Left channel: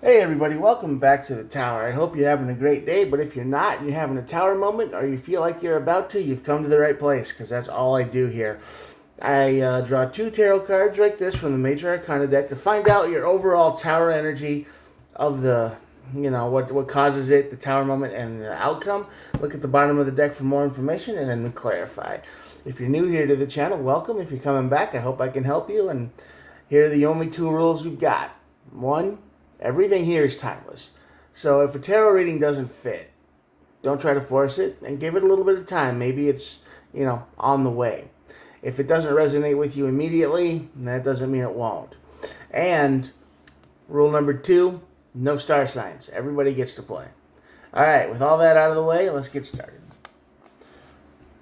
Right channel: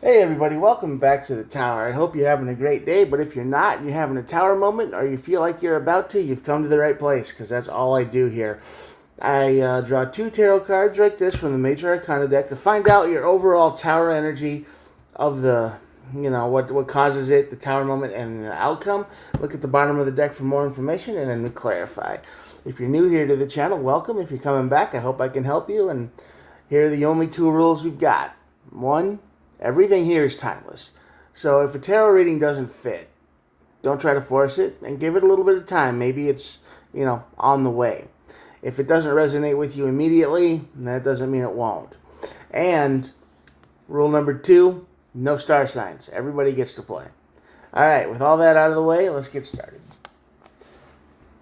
Hey everybody, welcome back to the tower. I hope you're having a great day, but if you're not and you're having a tower moment or you feel like you're about to, you've come to the right place because that's all I do here. I draw two tarot cards like this from the Major Arcana deck to find out your overall tower energy of what causes it, the tower moment, and the outcome. Look at the bottom of the deck for more information and then we clarify. If you're new here to the channel, welcome. If you're coming back, I hope I can help you. And here are the only two rules we've got. One, everything here is timeless. So if a tarot reading doesn't fit, don't try to force it and give it a little bit of time. Maybe it's, on the way. If it doesn't resonate with you immediately, that doesn't mean it won't. And rule number two, no star signs. Everybody gets to play. All right, with all that out of the way, let's get started.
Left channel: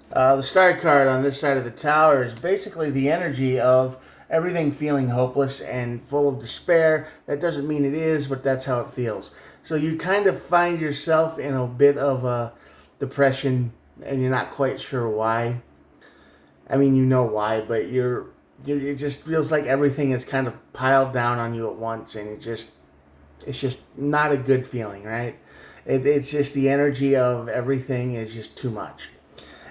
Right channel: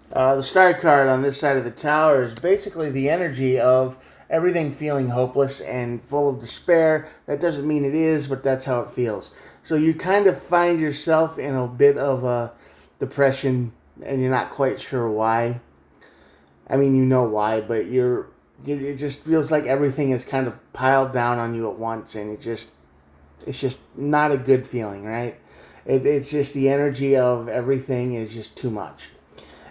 The star card on this side of the tower is basically the energy of everything feeling hopeless and full of despair. That doesn't mean it is, but that's how it feels. So you kind of find yourself in a bit of a depression and you're not quite sure why. I mean, you know why, but it just feels like everything is kind of piled down on you at once, and it's just not a good feeling, right? It's just the energy of everything is just too much.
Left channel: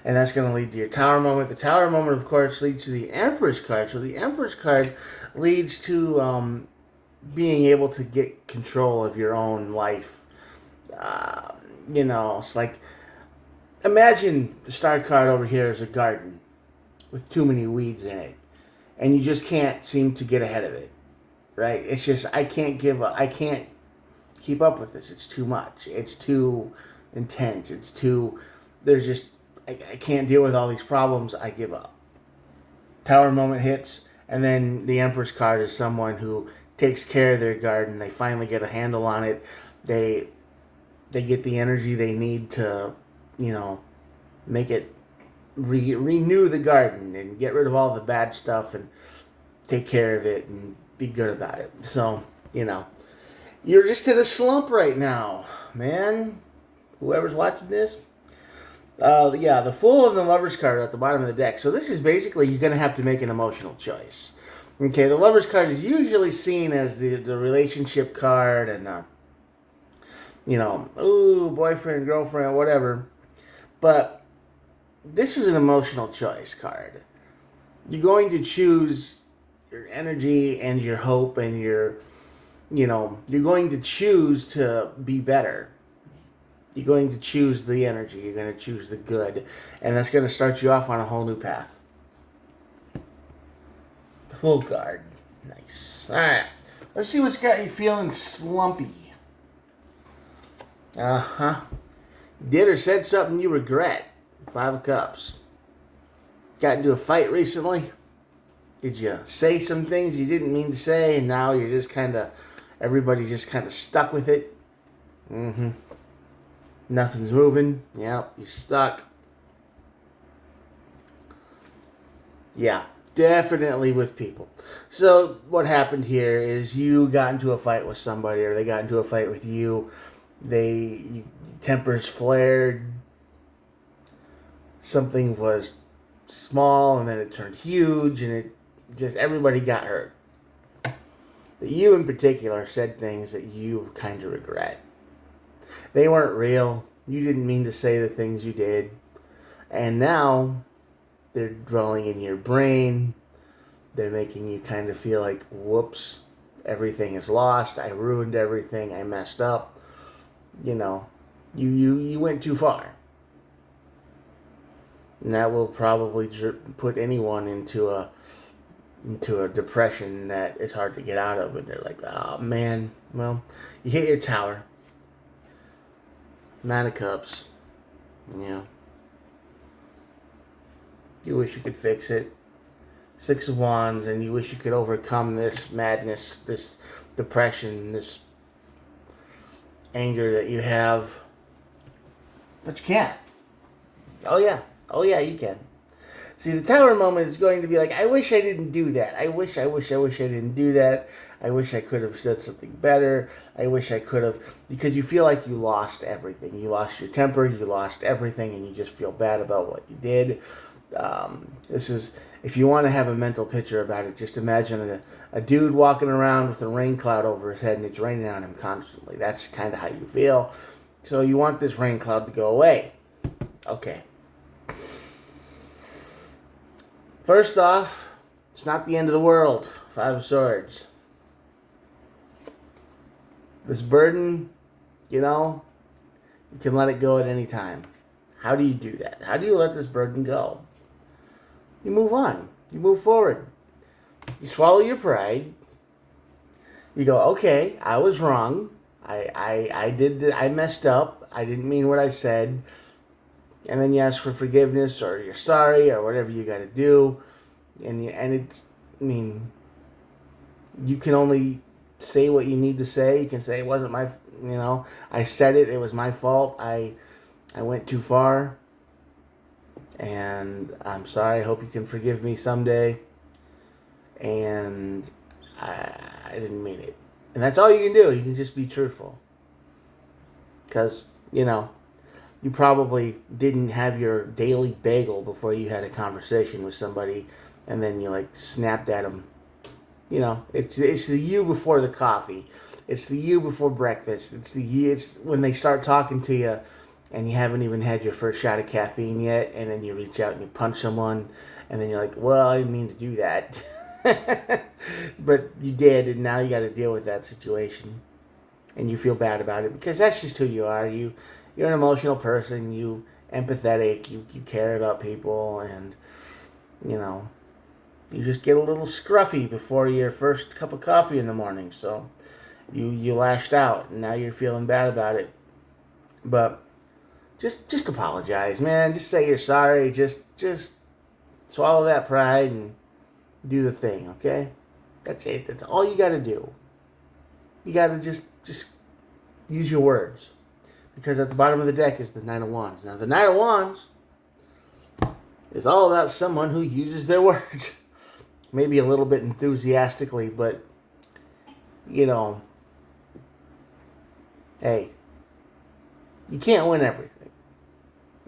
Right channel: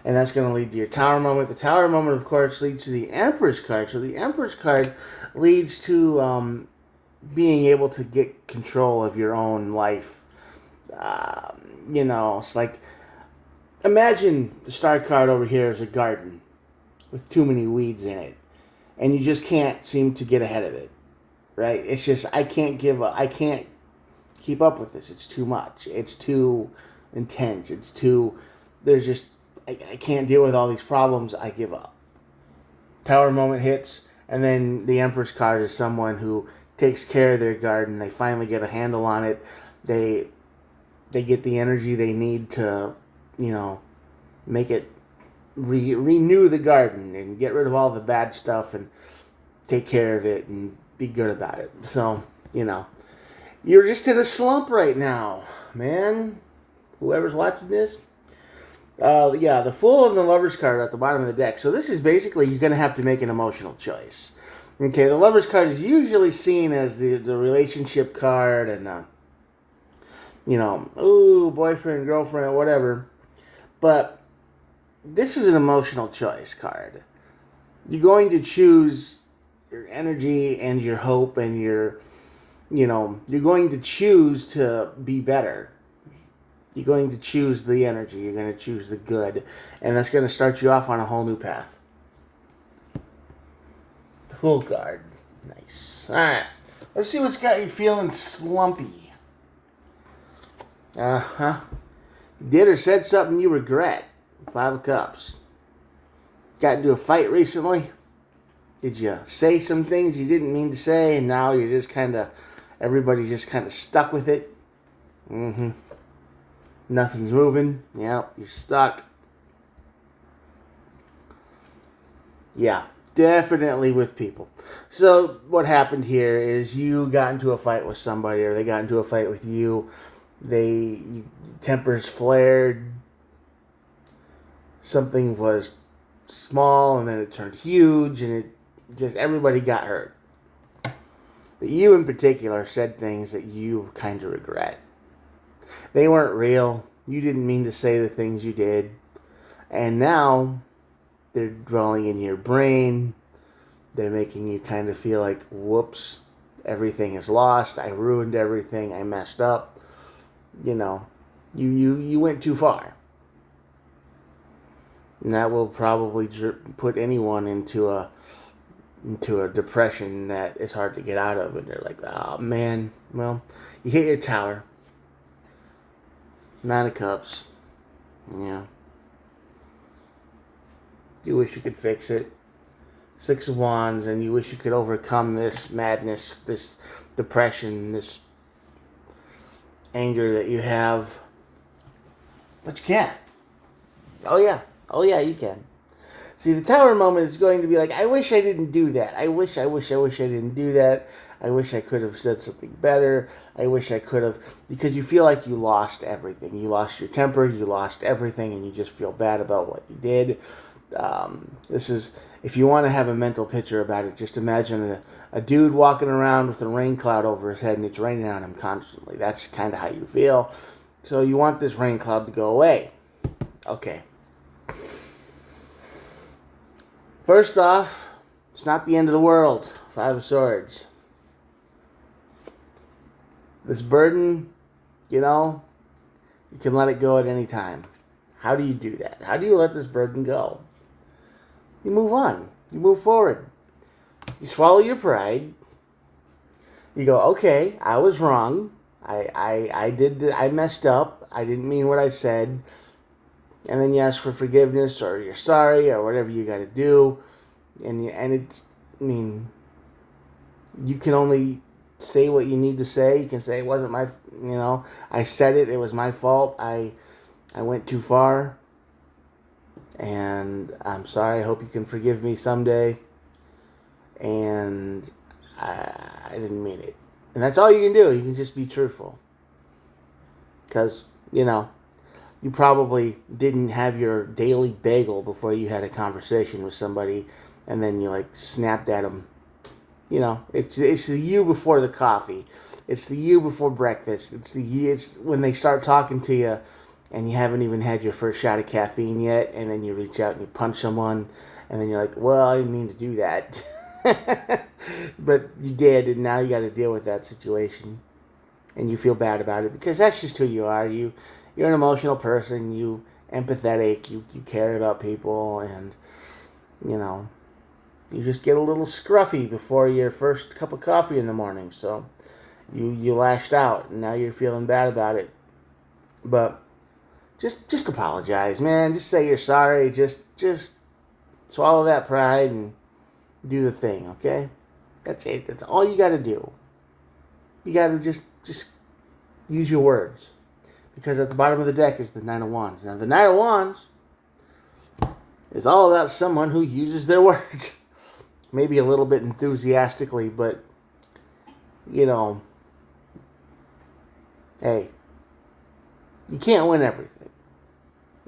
And that's going to lead to your tower moment. The tower moment, of course, leads to the Empress card. So the Empress card leads to being able to get control of your own life. It's like, imagine the star card over here is a garden with too many weeds in it, and you just can't seem to get ahead of it, right? It's just, I can't keep up with this. It's too much. It's too intense. I can't deal with all these problems. I give up. Tower moment hits, and then the Empress card is someone who takes care of their garden. They finally get a handle on it. They get the energy they need to, make it renew the garden and get rid of all the bad stuff and take care of it and be good about it. So, you're just in a slump right now, man. Whoever's watching this, the Fool and the Lover's card are at the bottom of the deck. So this is basically you're going to have to make an emotional choice. Okay, the Lover's card is usually seen as the relationship card and, boyfriend, girlfriend, whatever. But this is an emotional choice card. You're going to choose your energy and your hope and you're going to choose to be better. You're going to choose the energy. You're going to choose the good. And that's going to start you off on a whole new path. The Fool card. Nice. All right. Let's see what's got you feeling slumpy. Uh-huh. Did or said something you regret. 5 of Cups. Got into a fight recently? Did you say some things you didn't mean to say and now you're just everybody's just kind of stuck with it? Mm-hmm. Nothing's moving. Yep, you're stuck. Yeah, definitely with people. So what happened here is you got into a fight with somebody or they got into a fight with you. Tempers flared. Something was small and then it turned huge and it just everybody got hurt. But you in particular said things that you kind of regret. They weren't real. You didn't mean to say the things you did. And now they're dwelling in your brain. They're making you kind of feel like, whoops, everything is lost. I ruined everything. I messed up. You went too far. And that will probably put anyone into a depression that is hard to get out of. And they're like, oh, man. Well, you hit your tower. 9 of Cups. Yeah. You wish you could fix it. 6 of Wands, and you wish you could overcome this madness, this depression, this anger that you have. But you can't. Oh, yeah. Oh, yeah, you can. See, the tower moment is going to be like, I wish I didn't do that. I wish I didn't do that. I wish I could have said something better. I wish I could have, because you feel like you lost everything. You lost your temper, you lost everything, and you just feel bad about what you did. This is, if you want to have a mental picture about it, just imagine a dude walking around with a rain cloud over his head and it's raining on him constantly. That's kind of how you feel. So you want this rain cloud to go away. Okay. First off, it's not the end of the world. Five of Swords. This burden, you can let it go at any time. How do you do that? How do you let this burden go? You move on. You move forward. You swallow your pride. You go, okay, I was wrong. I messed up. I didn't mean what I said. And then you ask for forgiveness, or you're sorry, or whatever you got to do. And you can only say what you need to say. You can say it wasn't my, I said it. It was my fault. I went too far. And I'm sorry. I hope you can forgive me someday. And I didn't mean it. And that's all you can do. You can just be truthful. Because, you probably didn't have your daily bagel before you had a conversation with somebody, and then you snapped at them. It's the you before the coffee. It's the you before breakfast. It's when they start talking to you, and you haven't even had your first shot of caffeine yet, and then you reach out and you punch someone, and then you're like, well, I didn't mean to do that. But you did, and now you got to deal with that situation. And you feel bad about it, because that's just who you are. You're an emotional person. You empathetic. You care about people, and you just get a little scruffy before your first cup of coffee in the morning. So you lashed out, and now you're feeling bad about it. But just apologize, man. Just say you're sorry. Just swallow that pride and do the thing, okay? That's it. That's all you got to do. You got to just use your words. Because at the bottom of the deck is the Nine of Wands. Now, the Nine of Wands is all about someone who uses their words. Maybe a little bit enthusiastically, but, hey, you can't win everything.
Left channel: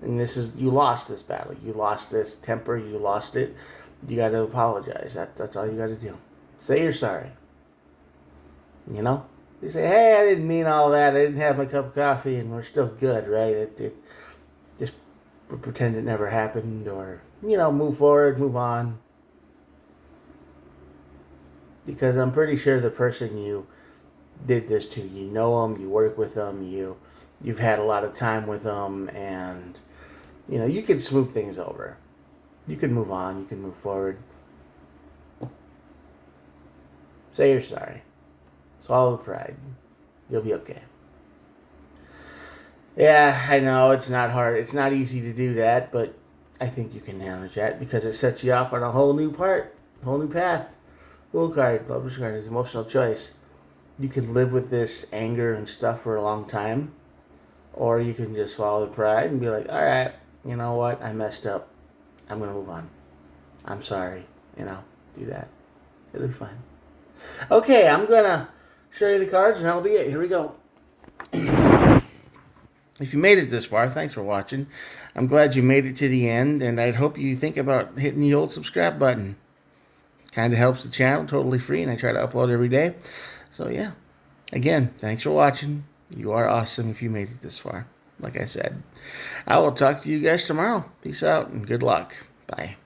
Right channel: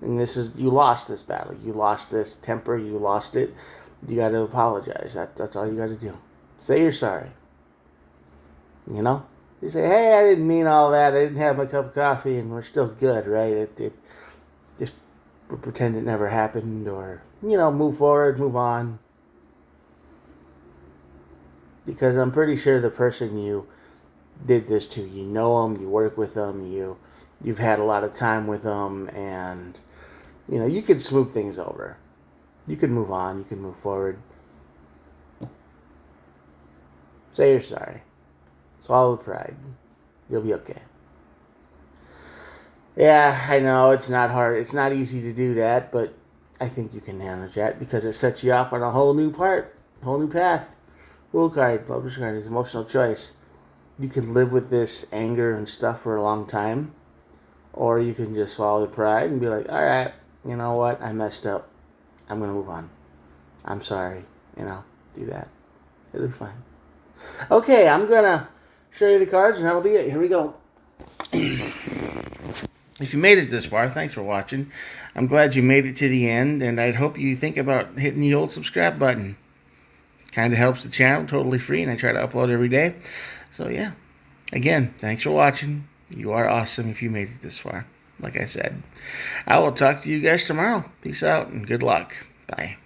And you lost this battle. You lost this temper. You lost it. You got to apologize. That's all you got to do. Say you're sorry. You say, hey, I didn't mean all that. I didn't have my cup of coffee, and we're still good, right? It just pretend it never happened, or, move forward, move on. Because I'm pretty sure the person you did this to, you know them, you work with them, you've had a lot of time with them, and, you can smooth things over. You can move on. You can move forward. Say you're sorry. Swallow the pride. You'll be okay. Yeah, I know it's not hard. It's not easy to do that, but I think you can manage that because it sets you off on a whole new path. Fool card, Publisher card is emotional choice. You can live with this anger and stuff for a long time, or you can just swallow the pride and be like, all right, you know what? I messed up. I'm going to move on. I'm sorry. Do that. It'll be fine. Okay, I'm going to show you the cards, and that'll be it. Here we go. If you made it this far, thanks for watching. I'm glad you made it to the end, and I'd hope you think about hitting the old subscribe button. Kind of helps the channel, totally free, and I try to upload every day. So, yeah. Again, thanks for watching. You are awesome if you made it this far. Like I said, I will talk to you guys tomorrow. Peace out, and good luck. Bye.